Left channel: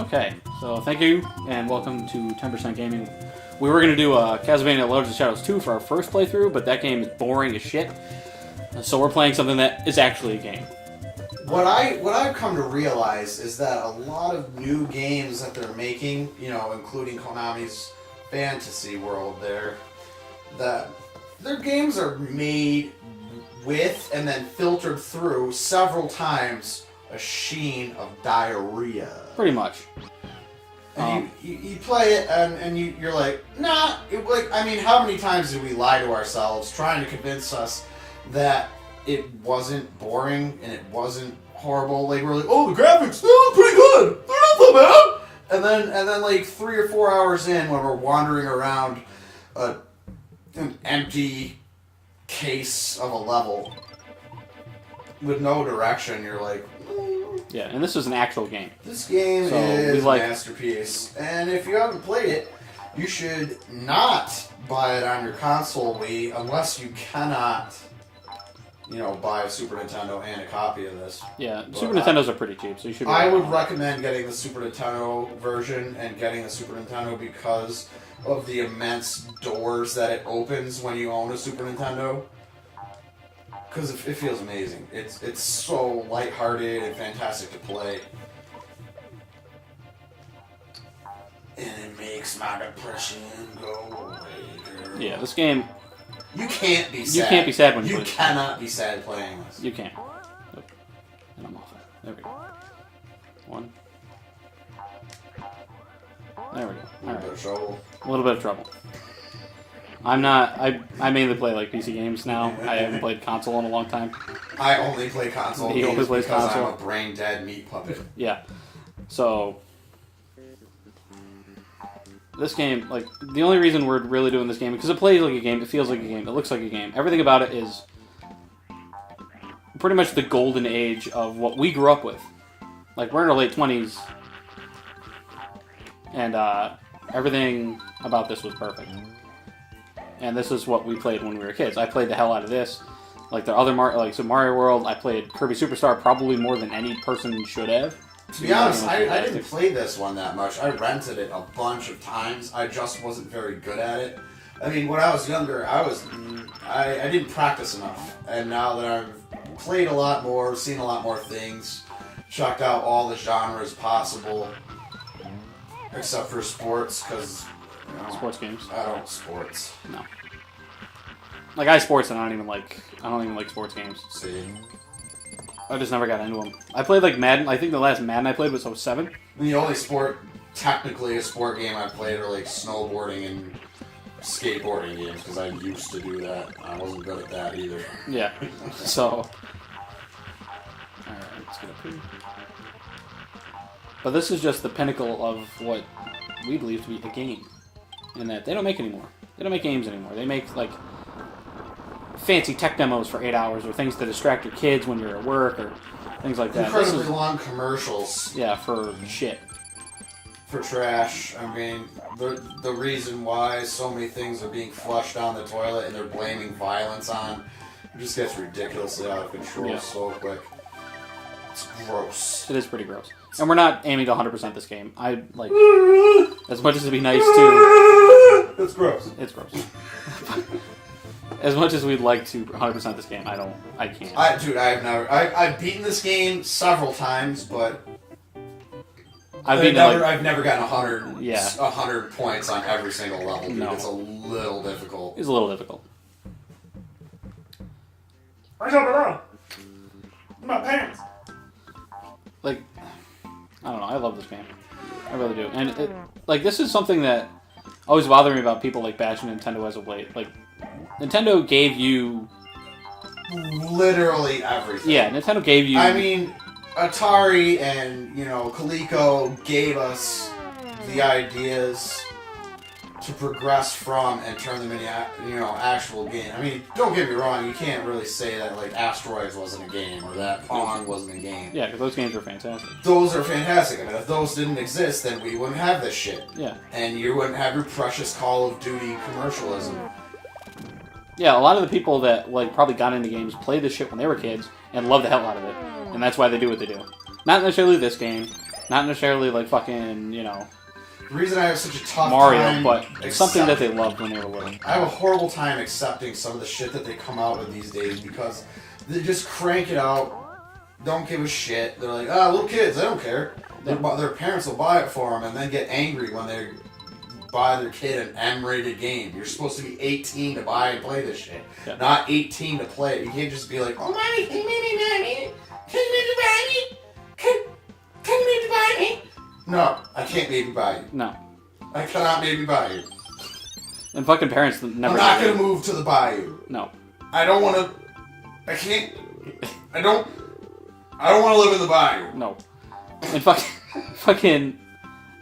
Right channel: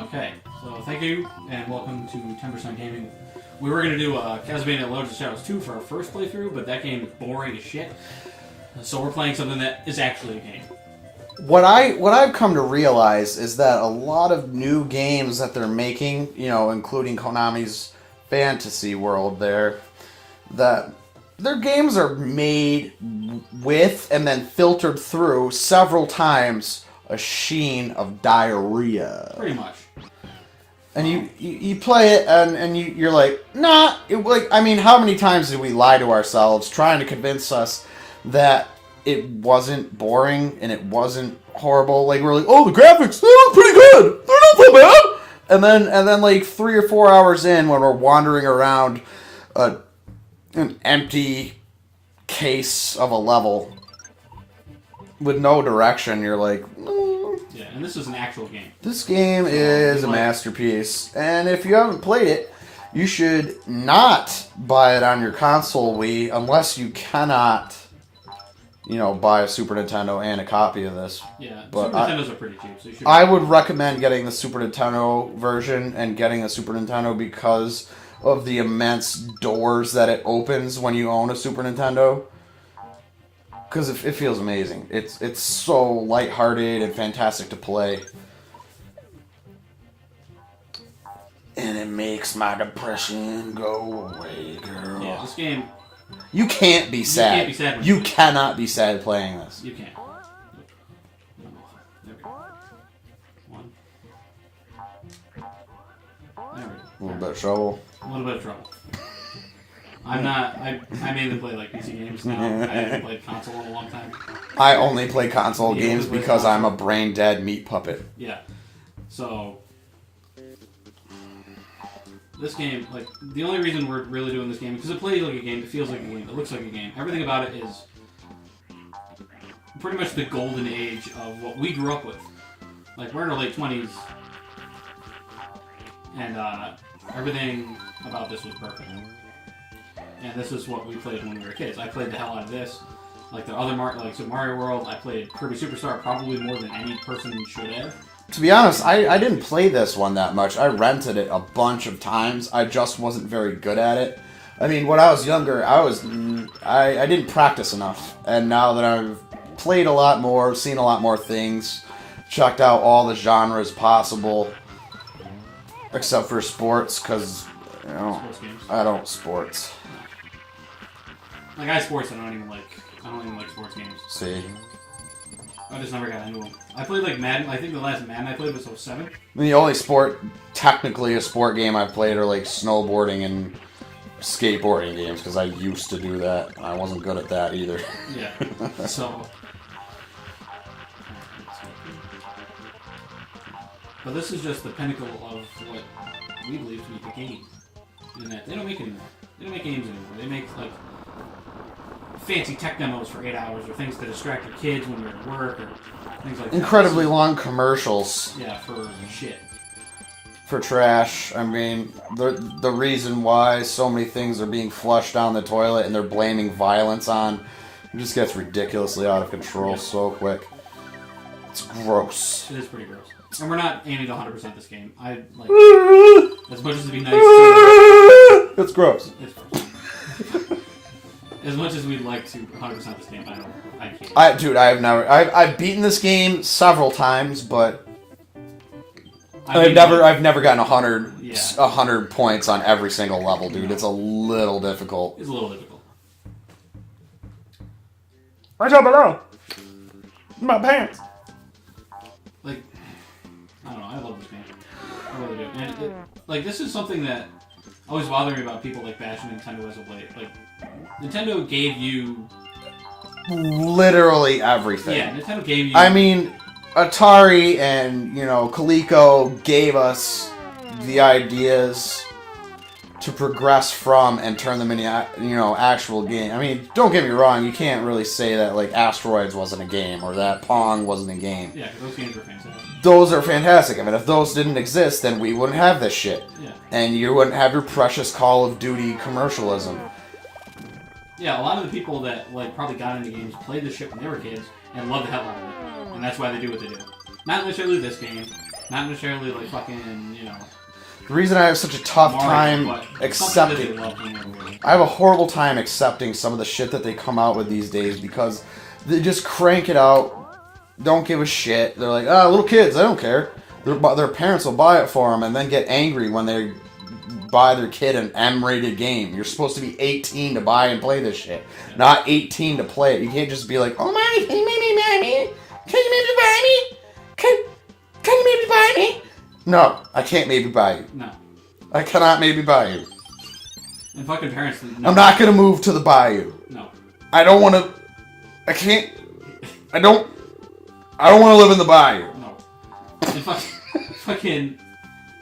Okay, so thank you, and welcome to 10% Gaming. We were going to do Castlevania Lords of Shadows 2 for our first playthrough, but that game is boring as shit. So we're playing something that is actually a game. What I've come to realize is that a lot of new games that they're making, you know, including Konami's fantasy world there, that their games are made with and then filtered through several times a sheen of diarrhea. Pretty much. And you play it and you're like, nah. I mean, how many times did we lie to ourselves trying to convince us that it wasn't boring and it wasn't horrible? Like, we're like, oh, the graphics, they look pretty good. They're not that bad. And then like 3 or 4 hours in, when we're wandering around an empty case of a level with no direction, you're like, yeah, and this is an actual game. This game is a masterpiece, and if you haven't played it, you should not buy it on your console Wii unless you cannot, you know, buy a Super Nintendo and a copy of this. Yeah, Super Nintendos are pretty cheap, so you should. I would recommend getting the Super Nintendo version and getting a Super Nintendo because of the immense doors that it opens when you own a Super Nintendo. Because it feels amazing. It's so lighthearted and fantastic to play. And it makes my depression go away, girl. Yeah, this game... You can't be sad. You can't be sad when you cannot be sad playing this. You can't. There we go. One. There we go. A little bit of trouble. A little bit of trouble. I'm not... I mainly play, like, PC games now. I haven't played console in a long time. I only play console games because I'm a brain-dead meat puppet. Yeah. So... This game, like, the only reason we're really doing this game, because it plays like a game, it feels like a game, it looks like a game. Everything about it is pretty much the golden age of what we grew up with. Like, we're in our late 20s, and everything about this was perfect. And this is what we played when we were kids. I played the hell out of this. Like the other like Super Mario World, I played Kirby Superstar probably more than any person should have. To be honest, I didn't play this one that much. I rented it a bunch of times. I just wasn't very good at it. I mean, when I was younger, I didn't practice enough. And now that I've played a lot more, seen a lot more things, checked out all the genres possible, except for sports, because Sports games. I don't sports. No. Like, I sports and I don't even like sports games. See? I just never got into them. I played, like, Madden. I think the last Madden I played was 07. The only technically a sport game I played are, like, snowboarding and skateboarding games, because I used to do that. I wasn't good at that either. Yeah. So... But this is just the pinnacle of what we believe to be the game. And that they don't make anymore. They don't make games anymore. They make, like, fancy tech demos for 8 hours, or things to distract your kids when you're at work, or things like that. Incredibly long commercials. Yeah, for shit. For trash. I mean, the reason why so many things are being flushed down the toilet and they're blaming violence on, it just gets ridiculously out of control so quick. It's gross. It is pretty gross. And we're not aiming to 100% this game. I, like, as much as it'd be nice to... It's gross. It's gross. As much as we'd like to 100% this game, I can't. Dude, I've beaten this game several times, but I've never gotten 100 points on every single level, dude. No. It's a little difficult. It's a little difficult. I jump around. My pants. Like, I don't know, I love this game. I really do. And, like, this is something that always bothered me about people, like, bashing Nintendo as of late. Like, Nintendo gave you... literally everything. Yeah, Nintendo gave you... I mean, Atari and, you know, Coleco gave us the ideas to progress from and turn them into, you know, actual game. I mean, don't get me wrong, you can't really say that, like, Asteroids wasn't a game, or that Pong wasn't a game. Yeah, because those games are fantastic. Those are fantastic. I mean, if those didn't exist, then we wouldn't have this shit. Yeah. And you wouldn't have your precious Call of Duty commercialism. Yeah, a lot of the people that, like, probably got into games played this shit when they were kids and loved the hell out of it. And that's why they do what they do. Not necessarily this game, Not necessarily like fucking, you know, The reason I have such a tough Mario, time but something that they loved when they were little. I have a horrible time accepting some of the shit that they come out with these days because they just crank it out, don't give a shit. They're like, little kids, I don't care. Their parents will buy it for them and then get angry when they buy their kid an M-rated game. You're supposed to be 18 to buy and play this shit, not 18 to play it. You can't just be like, oh, mommy, can you maybe buy me? Can you maybe buy me? Can you maybe buy me? No, I can't maybe buy you. No. I cannot maybe buy you. And fucking parents... I'm not going to move to the bayou. No. I don't want to... I can't... I don't want to live in the bayou. No. And fucking...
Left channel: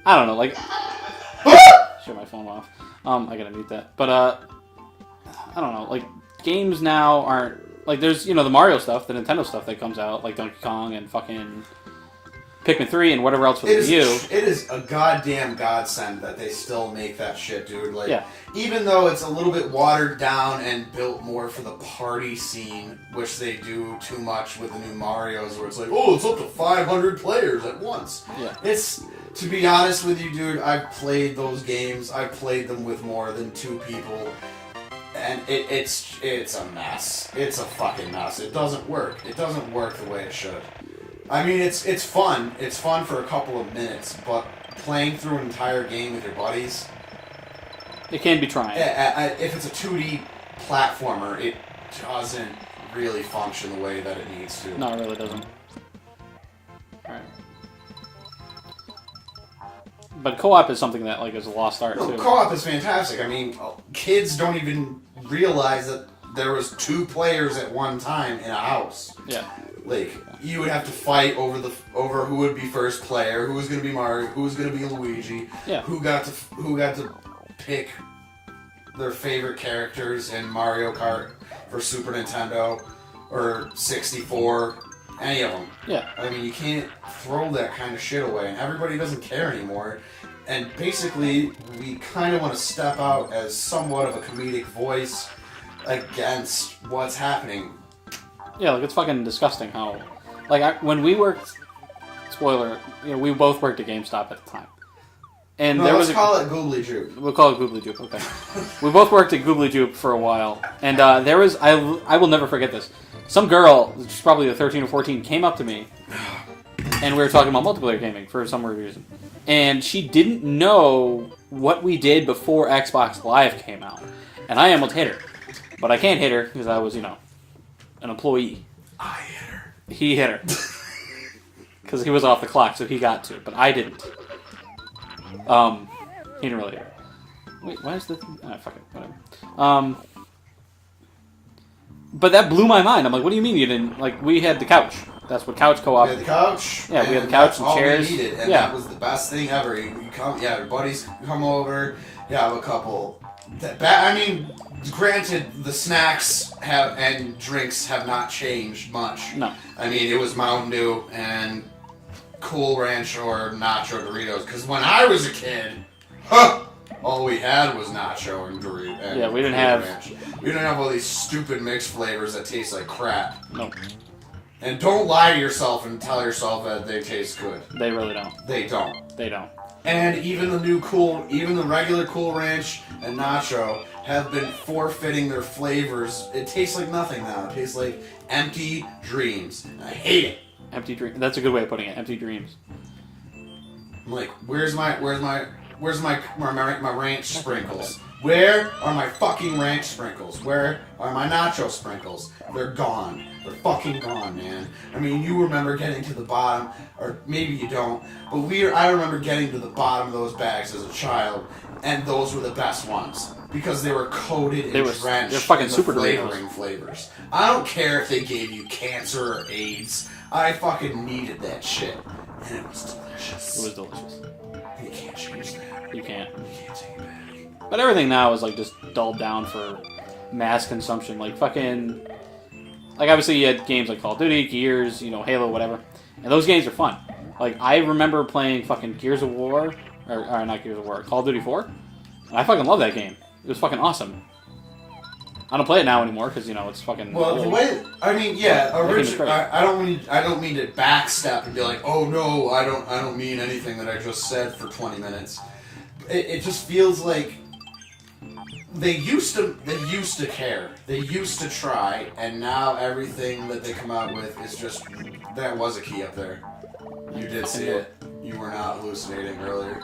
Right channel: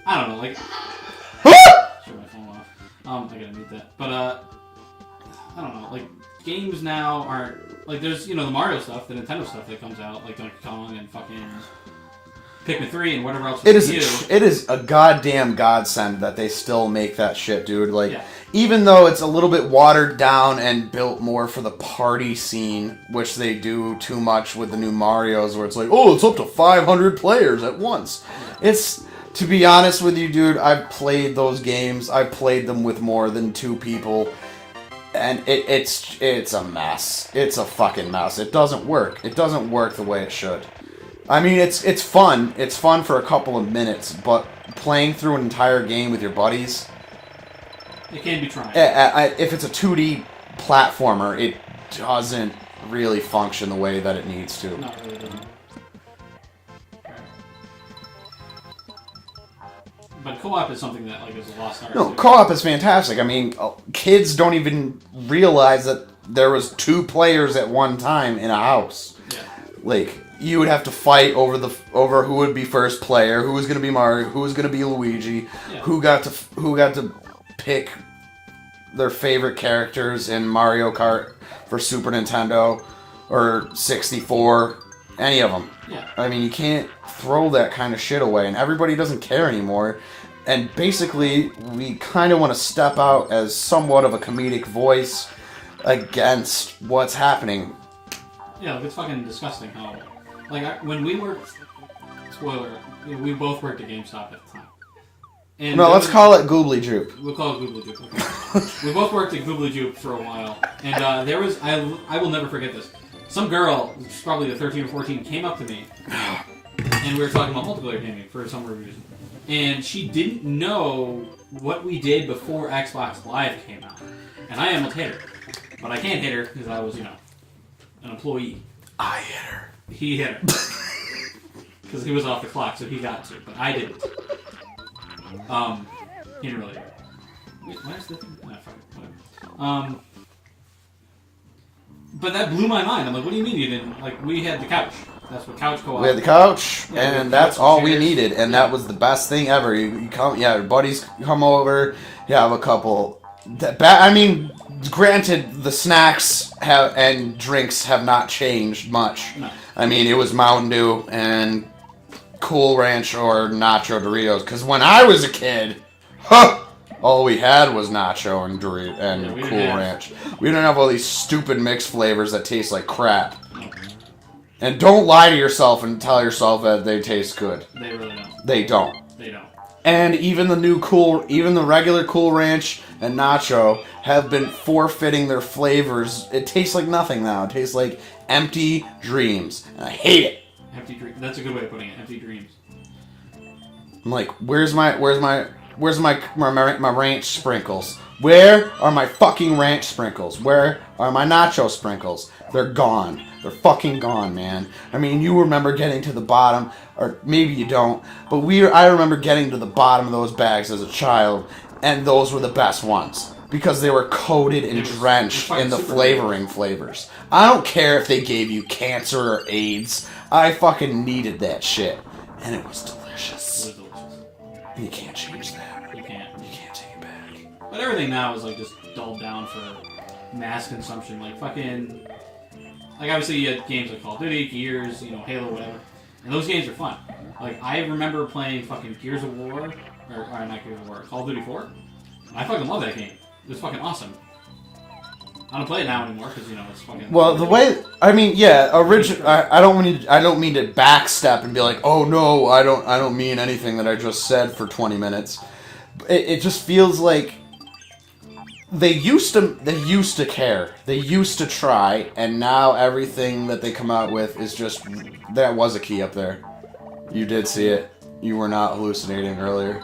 I don't know, like... Shut my phone off. I gotta mute that. But, I don't know, like, games now aren't... Like, there's, you know, the Mario stuff, the Nintendo stuff that comes out, like Donkey Kong and fucking... Pikmin 3 and whatever else was It is a goddamn godsend that they still make that shit, dude. Like, yeah. Even though it's a little bit watered down and built more for the party scene, which they do too much with the new Marios, where it's like, oh, it's up to 500 players at once. Yeah. It's, to be honest with you, dude, I've played those games. I've played them with more than 2 people. And it's a mess. It's a fucking mess. It doesn't work. It doesn't work the way it should. I mean, it's fun. It's fun for a couple of minutes, but playing through an entire game with your buddies... It can be trying. If it's a 2D platformer, it doesn't really function the way that it needs to. No, it really doesn't. But co-op is something that, like, is a lost art. No, too. co-op is fantastic. I mean, kids don't even realize that there was 2 players at one time in a house. Yeah. Like... You would have to fight over who would be first player, who was going to be Mario, who was going to be Luigi, who got to pick their favorite characters in Mario Kart for Super Nintendo or 64, any of them. Yeah. I mean, you can't throw that kind of shit away, and everybody doesn't care anymore. And basically, we kind of want to step out as somewhat of a comedic voice against what's happening. Yeah, like, it's fucking disgusting how... Like, when we worked... Spoiler, you know, we both worked at GameStop at the time. And no, let's call it Goobly Joop. We'll call it Goobly Joop, okay. We both worked at Goobly Joop for a while. And there was... I will never forget this. Some girl, which is probably 13 or 14, came up to me. And we were talking about multiplayer gaming for some reason. And she didn't know what we did before Xbox Live came out. And I almost hit her. But I can't hit her because I was, you know, an employee. I hit her. He hit her. Because he was off the clock, so he got to. But I didn't. He didn't really hit her. Wait, why is the thing... Ah, fuck it. Whatever. But that blew my mind. I'm like, what do you mean you didn't... Like, we had the couch. That's what couch co-op... We had the couch, yeah, and that's all we needed. And that was the best thing ever. You come... Yeah, your buddies come over. You have a couple... I mean... Granted, the snacks and drinks have not changed much. No. I mean, it was Mountain Dew and Cool Ranch or Nacho Doritos. Because when I was a kid, all we had was Nacho and Doritos and Cool Ranch. We didn't have all these stupid mixed flavors that taste like crap. No. And don't lie to yourself and tell yourself that they taste good. They really don't. They don't. They don't. And even the regular Cool Ranch and Nacho have been forfeiting their flavors. It tastes like nothing now. It tastes like empty dreams. And I hate it. Empty dreams. That's a good way of putting it. Empty dreams. I'm like, where's my ranch sprinkles? Where are my fucking ranch sprinkles? Where are my nacho sprinkles? They're gone. They're fucking gone, man. I mean, you remember getting to the bottom, or maybe you don't, but I remember getting to the bottom of those bags as a child, and those were the best ones. Because they were coated and drenched in the flavoring flavors. I don't care if they gave you cancer or AIDS. I fucking needed that shit. And it was delicious. It was delicious. You can't change that. You can't. You can't take it back. But everything now is like just dulled down for mass consumption. Like fucking... Like obviously you had games like Call of Duty, Gears, you know, Halo, whatever. And those games are fun. Like I remember playing fucking Gears of War, or not Gears of War, Call of Duty 4. And I fucking love that game. It was fucking awesome. I don't play it now anymore because it's fucking. Well, the way I mean, yeah, I don't mean to backstep and be like, oh no, I don't mean anything that I just said for 20 minutes. It just feels like they used to care, they used to try, and now everything that they come out with is just that was a key up there. You did see it. You were not hallucinating earlier.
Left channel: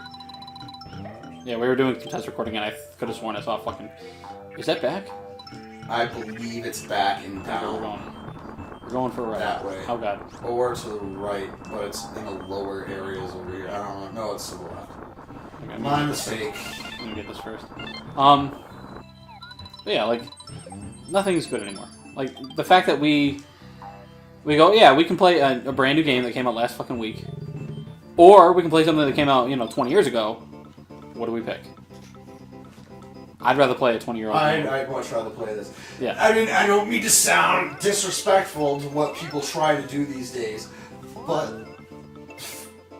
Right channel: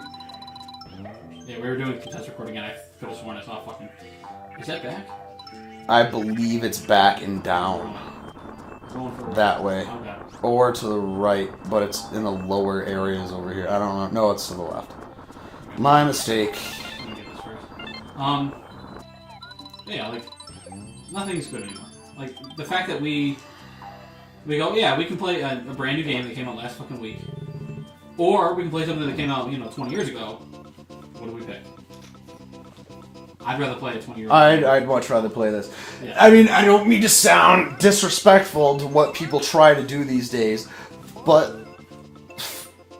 Yeah, we were doing contest recording, and I could have sworn I saw fucking. Is that back? I believe it's back and down. We're going for that way. Oh god. Or to the right, but it's in the lower areas over here. I don't know. No, it's to the left. My mistake. Let me get this first. Yeah, like nothing's good anymore. Like the fact that we go, yeah, we can play a brand new game that came out last fucking week, or we can play something that came out 20 years ago. What do we pick? I'd rather play a 20-year-old. I'd much rather play this. Yeah. I mean, I don't mean to sound disrespectful to what people try to do these days, but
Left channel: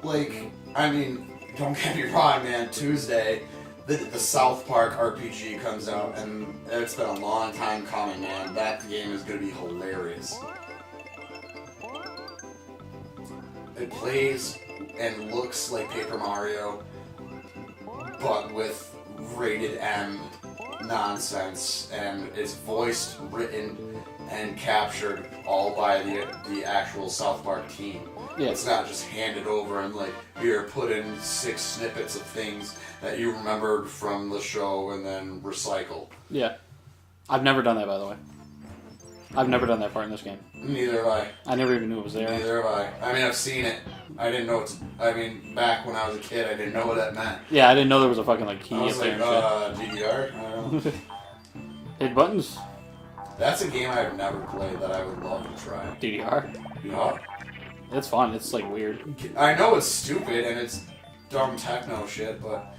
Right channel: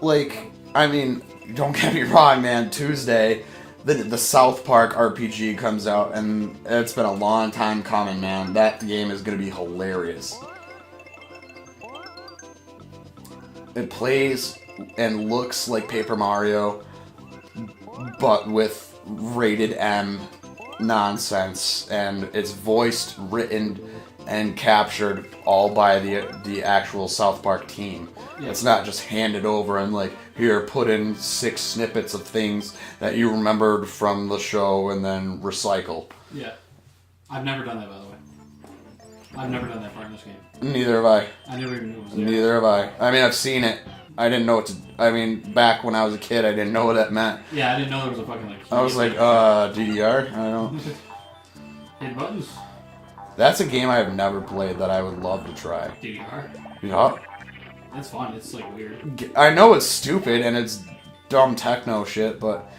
like, I mean, don't get me wrong, man. Tuesday, the South Park RPG comes out, and it's been a long time coming, man. That game is gonna be hilarious. It plays and looks like Paper Mario, but with rated M nonsense, and it's voiced, written, and captured all by the actual South Park team. Yeah. It's not just handed over and like, here, put in 6 snippets of things that you remembered from the show and then recycle. Yeah. I've never done that, by the way. I've never done that part in this game. Neither have I. I never even knew it was there. Neither have I. I mean, I've seen it. I didn't know what to... I mean, back when I was a kid, I didn't know what that meant. Yeah, I didn't know there was a fucking, like... I was like, DDR? I don't... Hit buttons? That's a game I have never played that I would love to try. DDR? Yeah. It's fun. It's, like, weird. I know it's stupid and it's dumb techno shit, but...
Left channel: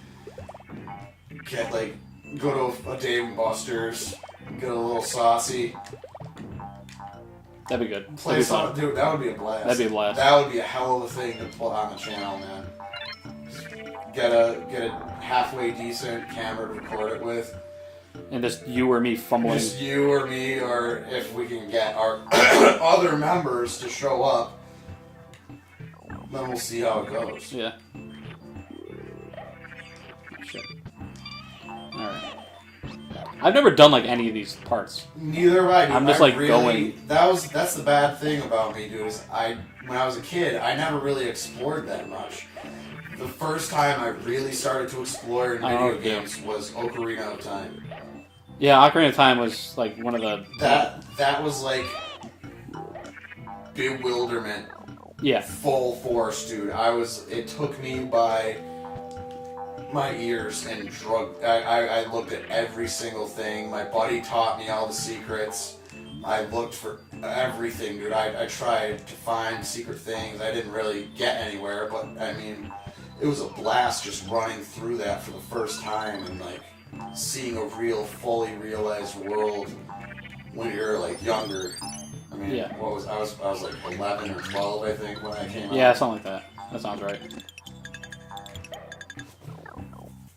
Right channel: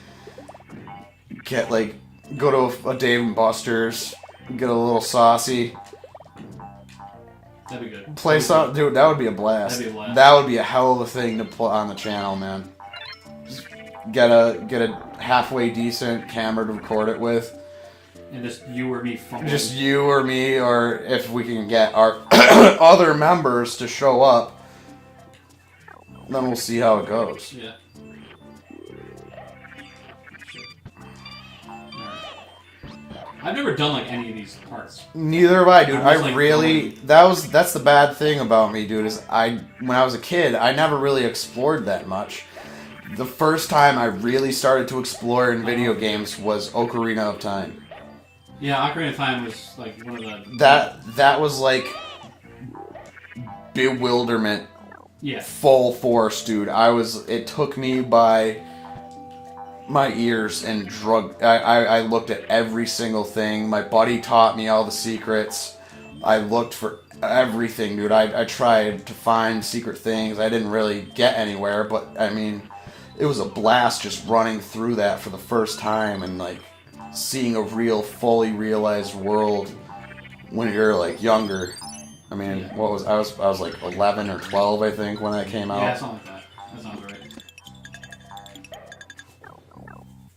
Go to a Dave & Buster's, get a little saucy... That'd be good. Play some, dude. That would be a blast. That'd be a blast. That would be a hell of a thing to put on the channel, man. Just get a halfway decent camera to record it with. And just you or me fumbling. Just you or me, or if we can get our other members to show up, then we'll see how it goes. Yeah. I've never done like any of these parts. Neither have I, dude. Like, that's the bad thing about me, dude, is when I was a kid, I never really explored that much. The first time I really started to explore in video games was Ocarina of Time. Yeah, Ocarina of Time was like one of the... That was like bewilderment. Yeah. Full force, dude. It took me by my ears and I looked at every single thing. My buddy taught me all the secrets. I looked for everything, dude. I tried to find secret things. I didn't really get anywhere, but I mean, it was a blast just running through that for the first time and like seeing a real, fully realized world when you're like younger. I mean, yeah. I was like 11 or 12, I think, when that came out. Yeah, something like that. That sounds right.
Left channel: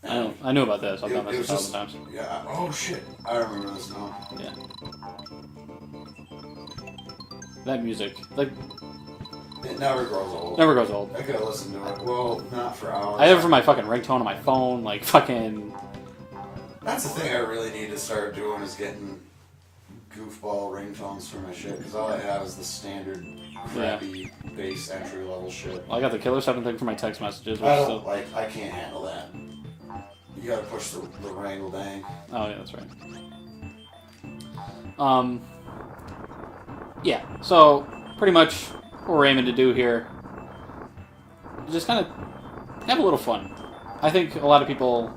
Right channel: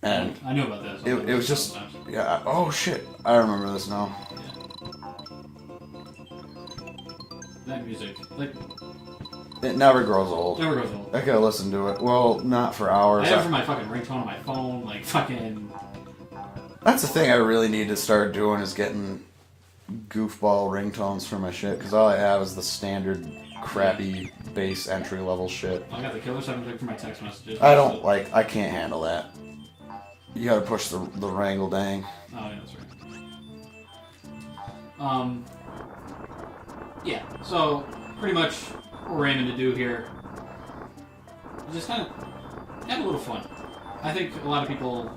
And I knew about that. It was just, yeah. Oh shit! I remember this now. Yeah. That music, like, it never grows old. Never grows old. I could listen to it. Well, not for hours. I have it for my fucking ringtone on my phone, like fucking. That's the thing I really need to start doing is getting goofball ringtones for my shit, because all I have is the standard crappy bass entry level shit. I got the Killer 7 thing for my text messages. I can't handle that. You gotta push the wrangle dang. Oh yeah, that's right. Yeah, so pretty much what we're aiming to do here is just kind of have a little fun. I think a lot of people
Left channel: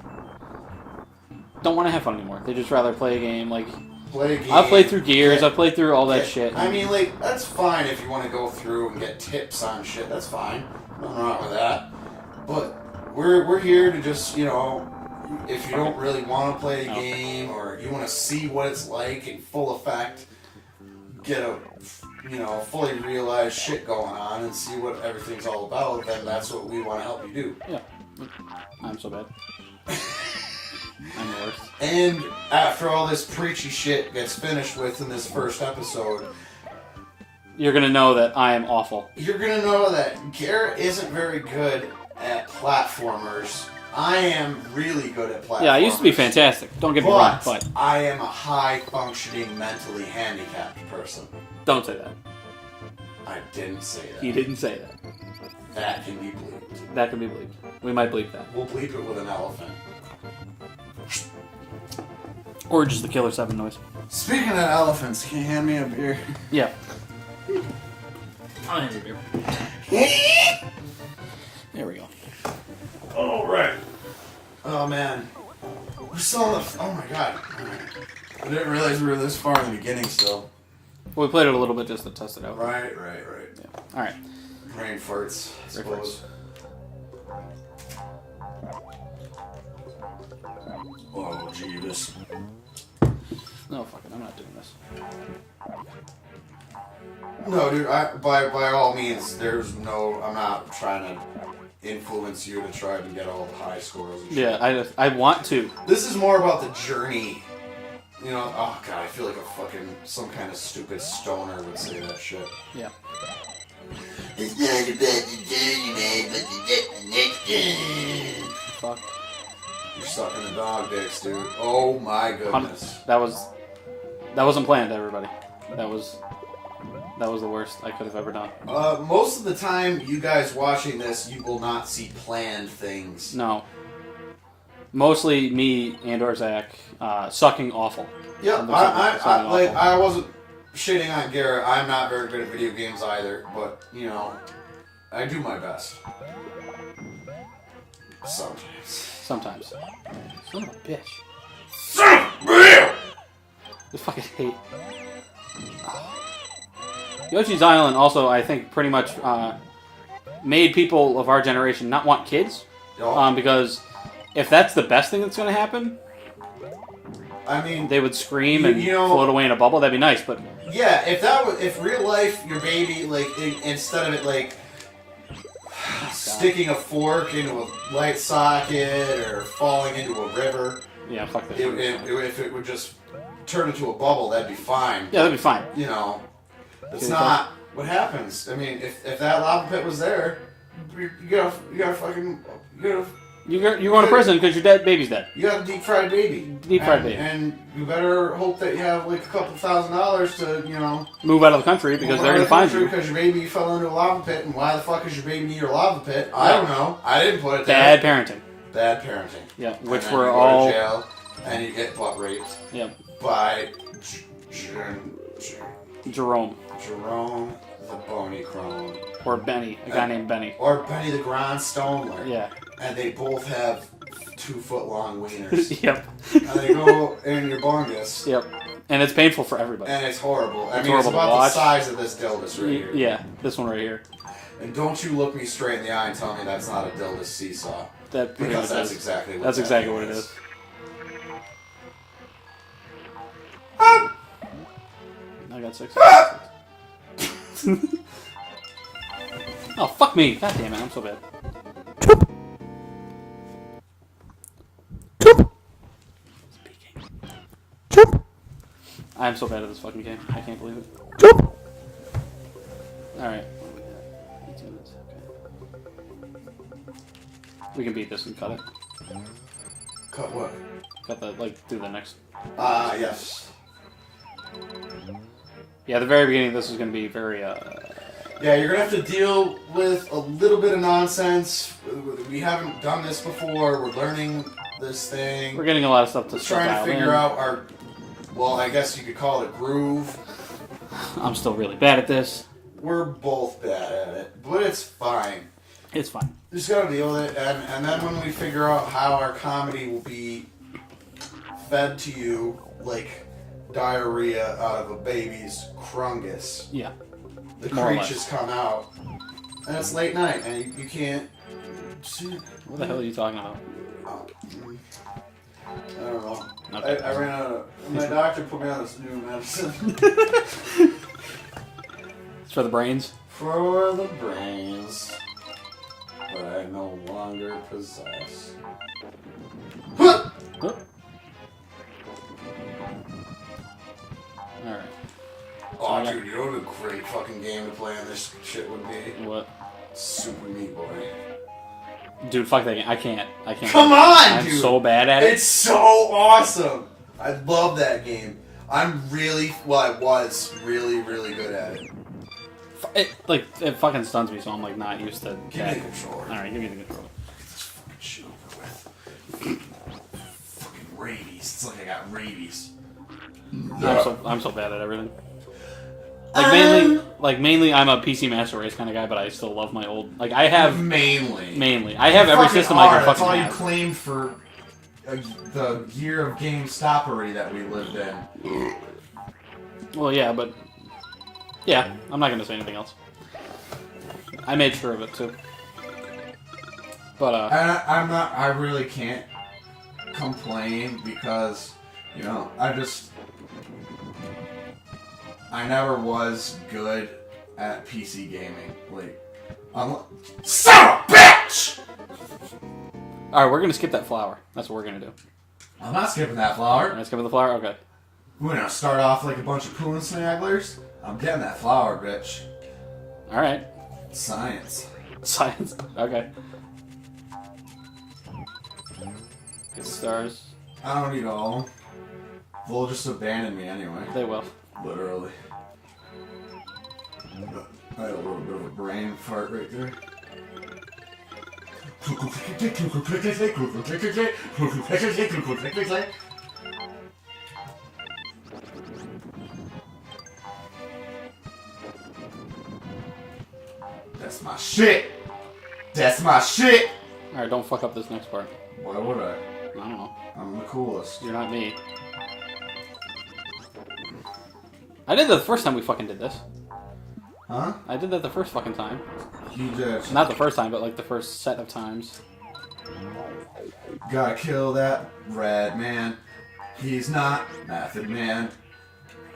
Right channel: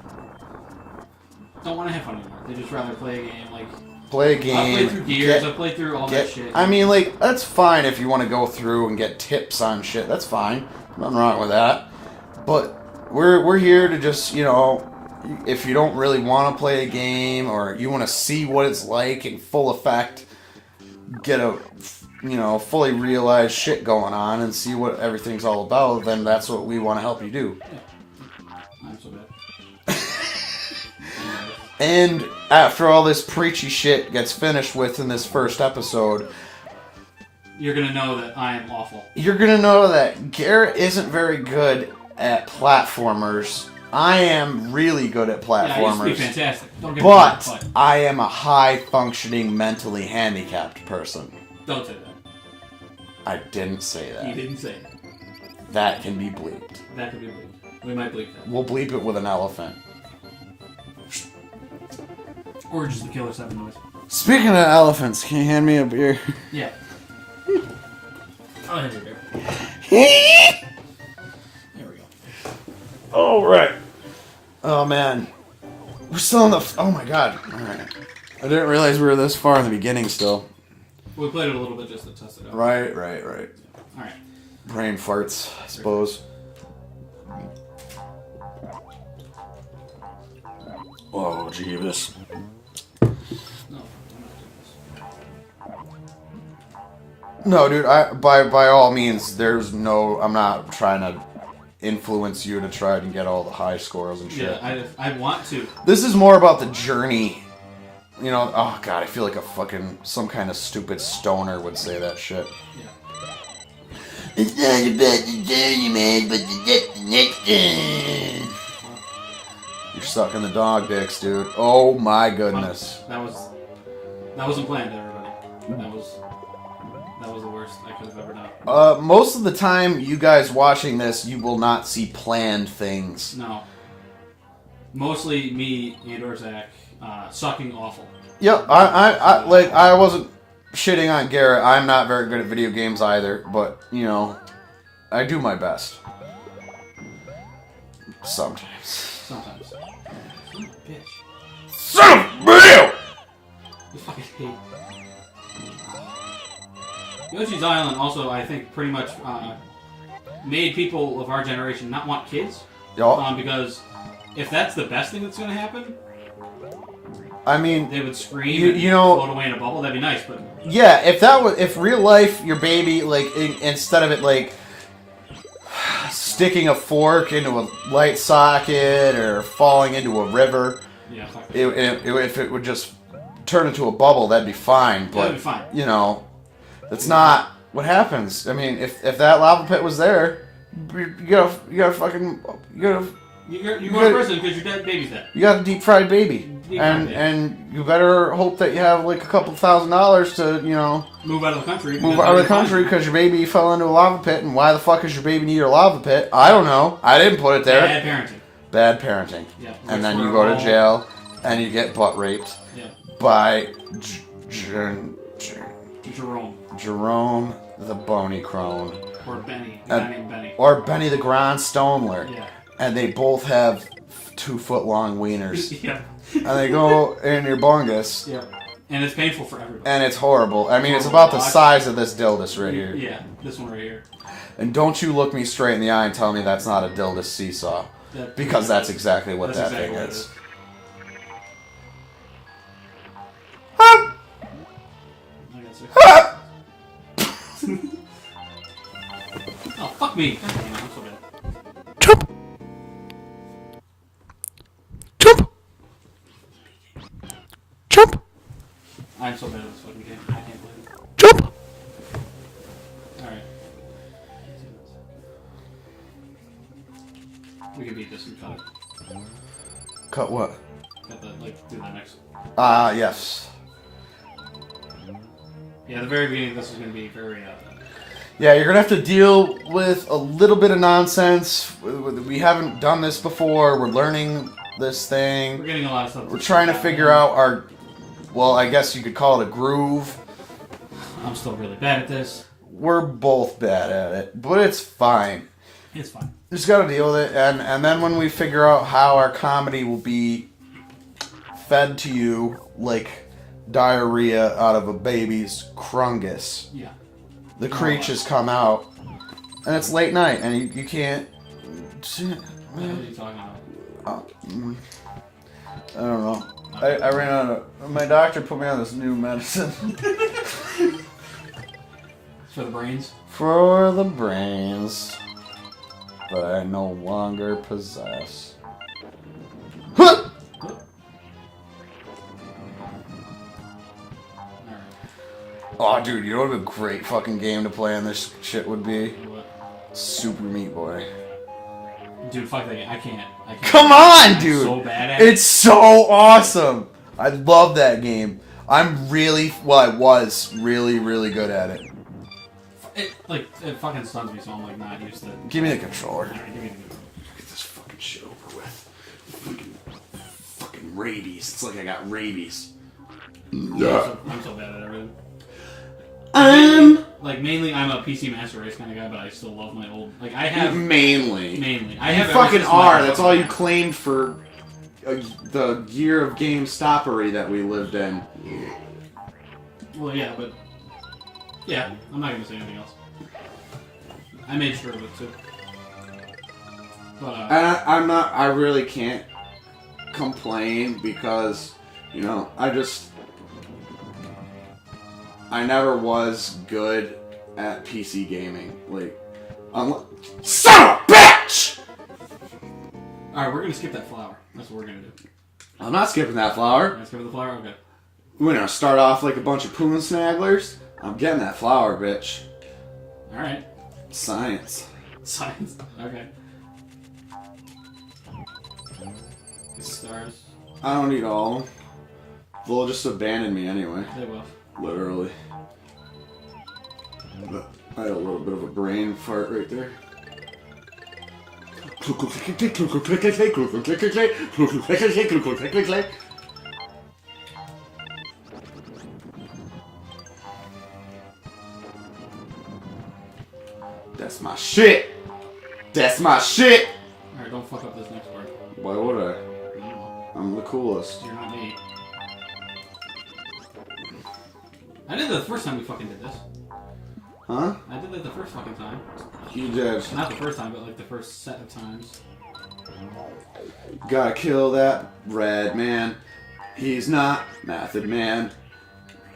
don't want to have fun anymore. They just rather play a game, like... Play a game. I've played through Gears, I've played through all that shit. I mean, like, that's fine if you want to go through and get tips on shit. That's fine. Nothing wrong with that. But we're here to just, if you don't really want to play a game or you want to see what it's like in full effect, get a, fully realized shit going on and see what everything's all about, then that's what we want to help you do. Yeah. I'm so bad. And after all this preachy shit gets finished with in this first episode, you're gonna know that I am awful. You're gonna know that Garrett isn't very good at platformers. I am really good at platformers. Yeah, I used to be fantastic. Don't get me wrong, but I am a high-functioning, mentally handicapped person. Don't say that. I didn't say that. You didn't say that. That can be bleeped. That can be bleeped. We might bleep that. We'll bleep it with an elephant. Or just the Killer 7 noise. Speaking of elephants, can you hand me a beer? Yeah. I'll hand you a beer. There we go. Alright. Oh, man. We're still in the... Oh, my God. Alright. I didn't realize we were this far in the beginning still. Well, we played it a little bit just to test it out. Right. Yeah. Alright. Brain farts, I suppose. Oh, Jeeves. No, I'm not doing this. No, dude, by all means, there's no... I'm not trying to influence you to try and get all the high scores and shit. Yeah, I want to. This is more about the journey. You know, oh god, I feel like a fucking... Some kind of stupid stoner would say that shit. Yeah. It's not about the journey, man, but the destination. Fuck. You're sucking the dog dicks, dude. Oh my goodness. That wasn't planned, everybody. That was the worst I could have ever done. Most of the time, you guys watching this, you will not see planned things. No. Mostly me and or Zach sucking awful. Yeah, I wasn't shitting on Garrett. I'm not very good at video games either, but, you know, I do my best. Sometimes. Sometimes. Son of a bitch. Son of a bitch! I fucking hate. Yoshi's Island also, I think, pretty much made people of our generation not want kids. Yep. Because if that's the best thing that's going to happen, I mean, they would scream and float away in a bubble. That'd be nice, but yeah, if real life your baby, like, instead of it like sticking a fork into a light socket or falling into a river, yeah, fuck that. If it would just turn into a bubble, that'd be fine. Yeah, that'd be fine. You know, that's not what happens. I mean, if that lava pit was there, you gotta fucking You're going to prison because your dead baby's dead. You got a deep fried baby. And you better hope that you have like a couple $1,000s to, you know, move out of the country. Move out of the country because your baby fell into a lava pit. And why the fuck is your baby near a lava pit? I don't know. I didn't put it there. Bad parenting. Bad parenting. Yeah. And then you go to jail and you get butt raped. Yeah. By Jerome the Bony Crone. Or Benny. A guy named Benny. Or Benny the Gronstomler. Yeah. And they both have 2-foot-long wieners. Yep. And they go in your bungus. Yep. And it's painful for everybody. And it's horrible. I mean, it's about the size of this dildus right here. Yeah, this one right here. And don't you look me straight in the eye and tell me that's not a dildus seesaw. Because that's exactly what that thing is. I got 6. Oh, fuck me. God damn it, I'm so bad. Jump! Jump! Jump! I'm so bad at this fucking game. I can't believe it. Jump! Alright. We can beat this and cut it. Cut what? Cut the, like, do the next. Yes. Yeah, the very beginning of this is going to be very, Yeah, you're going to have to deal with a little bit of nonsense. We haven't done this before. We're learning this thing. We're getting a lot of stuff. We're trying to figure out our... Well, I guess you could call it a groove. I'm still really bad at this. We're both bad at it, but it's fine. It's fine. Just got to deal with it, and then when we figure out how our comedy will be fed to you like diarrhea out of a baby's crungus. Yeah. The creatures come out, and it's late night, and you can't... What the hell are you talking about? I don't know. I ran out of... My doctor put me on this new medicine. It's for the brains? For the brains. But I no longer possess. Huh! Oh, dude, you know what a great fucking game to play on this shit would be? What? Super Meat Boy. Dude, fuck that game. I can't. Come on, I'm dude! so bad at it. It's so awesome! I love that game. I was really, really good at it. It fucking stuns me, so I'm like not used to. Give me the controller. Alright, give me the controller. Get this fucking shit over with. Fucking rabies. It's like I got rabies. I'm so bad at everything. Mainly, I'm a PC Master Race kind of guy, but I still love my old. Like, I have mainly. I have you every fucking system. are. That's all you have. claimed for the year of GameStopery that we lived in. Well, yeah, but yeah, I'm not gonna say anything else. I made sure of it too. But I'm not. I really can't complain because I never was good at PC gaming. Like, son of a bitch! Alright, we're gonna skip that flower. That's what we're gonna do. I'm not skipping that flower. We're gonna skip the flower? Okay. We're gonna start off like a bunch of poon snagglers. I'm getting that flower, bitch. Alright. Science. Science. Okay. Get stars. I don't need all of them. They'll just abandon me anyway. They will. Literally. I had a little bit of a brain fart right there. That's my shit! That's my shit! Alright, don't fuck up this next part. Why would I? I don't know. I'm the coolest. You're not me. I did that the first time we fucking did this. Huh? I did that the first fucking time. You did. Not the first time, but like the first set of times. Gotta kill that red man. He's not Method Man.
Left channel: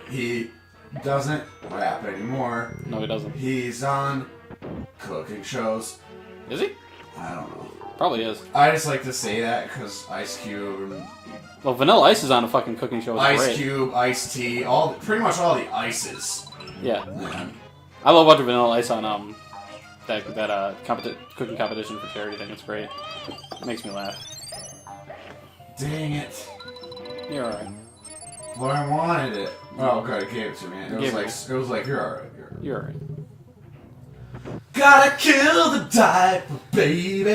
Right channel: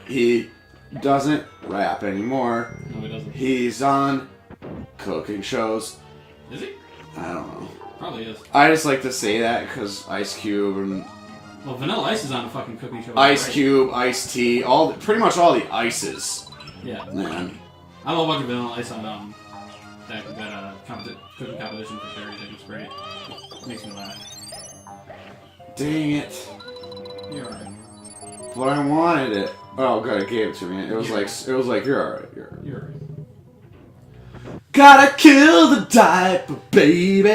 He doesn't rap anymore. No, he doesn't. He's on cooking shows. Is he? I don't know. Probably is. I just like to say that because Ice Cube and Well, Vanilla Ice is on a fucking cooking show. Ice Cube, Ice T, pretty much all the ices. Yeah. Man. I love watching Vanilla Ice on that cooking competition for charity thing. It's great. It makes me laugh. Dang it. You're alright. But I wanted it. Oh god, it gave it to me. It was like you're alright. You're alright. Gotta kill the diaper, baby.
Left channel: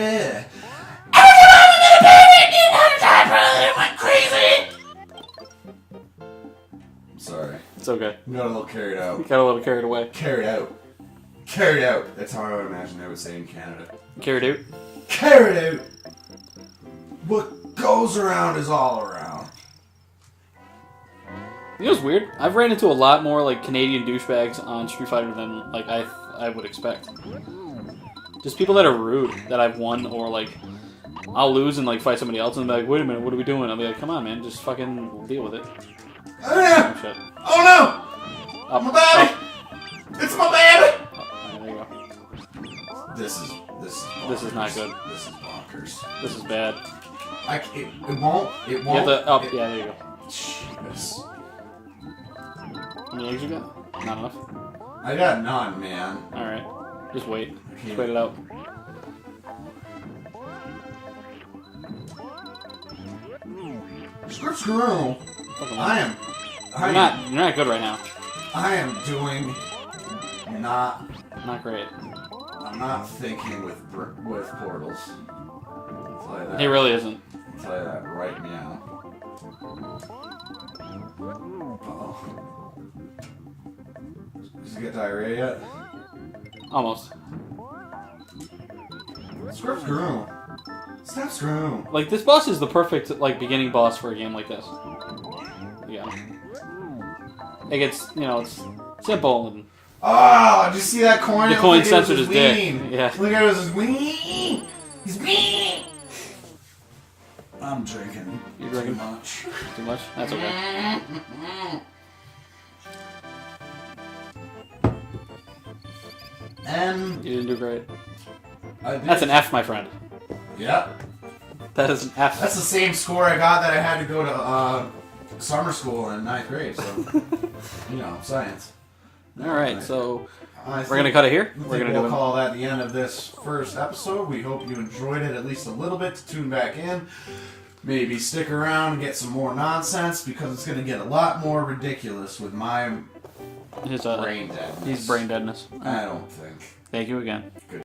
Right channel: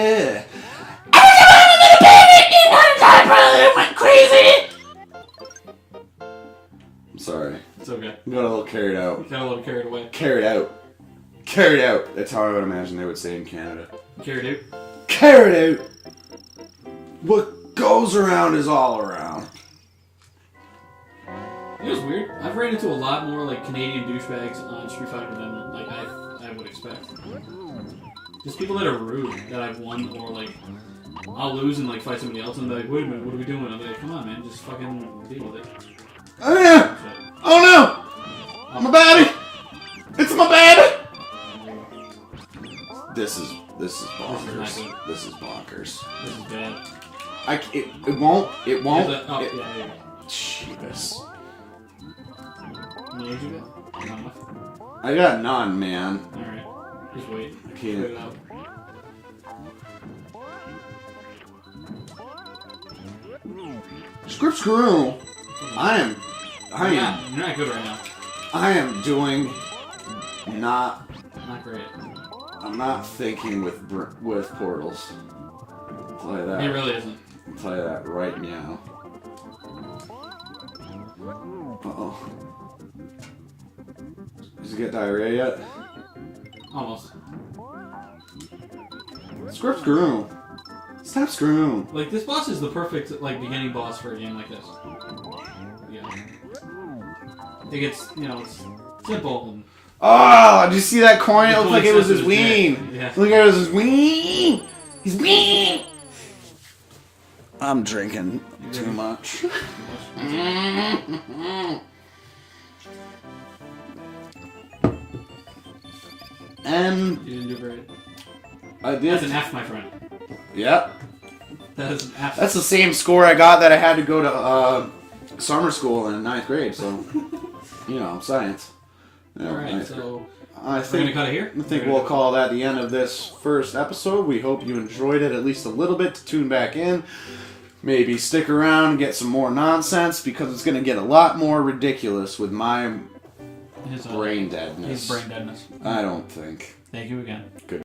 Went crazy. I'm sorry. It's okay. Got a little carried out. Got a little carried away. Carried out. Carried out. That's how I would imagine they would say in Canada. Carried out? Carried out. What goes around is all around. You know what's weird? I've ran into a lot more like Canadian douchebags on Street Fighter than like I would expect. Just people that are rude that I've won, or like I'll lose and like fight somebody else and be like, wait a minute, what are we doing? I'll be like, come on, man, just fucking deal with it. Oh no! Shit. Oh no! My baby! It's my baby! There you go. This is not good. This is bonkers. This is bad. It won't. Yeah, there you go. Jesus. How many eggs you got? Not enough? I got none, man. Alright. Just wait. Okay. Wait it out. Screw. You're not good right now. I am doing not great. I'm not thinking with portals. I'll tell you that. He really isn't. I'll tell you that right now. Uh-oh. Did you get diarrhea yet? Almost. Screw. Stop screwing. Like, this boss is the perfect, like, beginning boss for a game like this. Yeah. Like, it's, it's simple and... Oh, did you see that coin? The It coin looked like it was his censored his ween. dick. Yeah. Look at it, it was his ween. He's ween. I'm drinking too much. Too much? That's okay. And You didn't do great. I did. That's an F, my friend. Yep. That is an F. That's the same score I got that I had to go to summer school in 9th grade, so, science. All right, so we're going to cut it here? I think we'll call that the end of this first episode. We hope you enjoyed it at least a little bit to tune back in. Maybe stick around, get some more nonsense, because it's going to get a lot more ridiculous with my brain deadness. His brain deadness. I don't think. Thank you again. Good.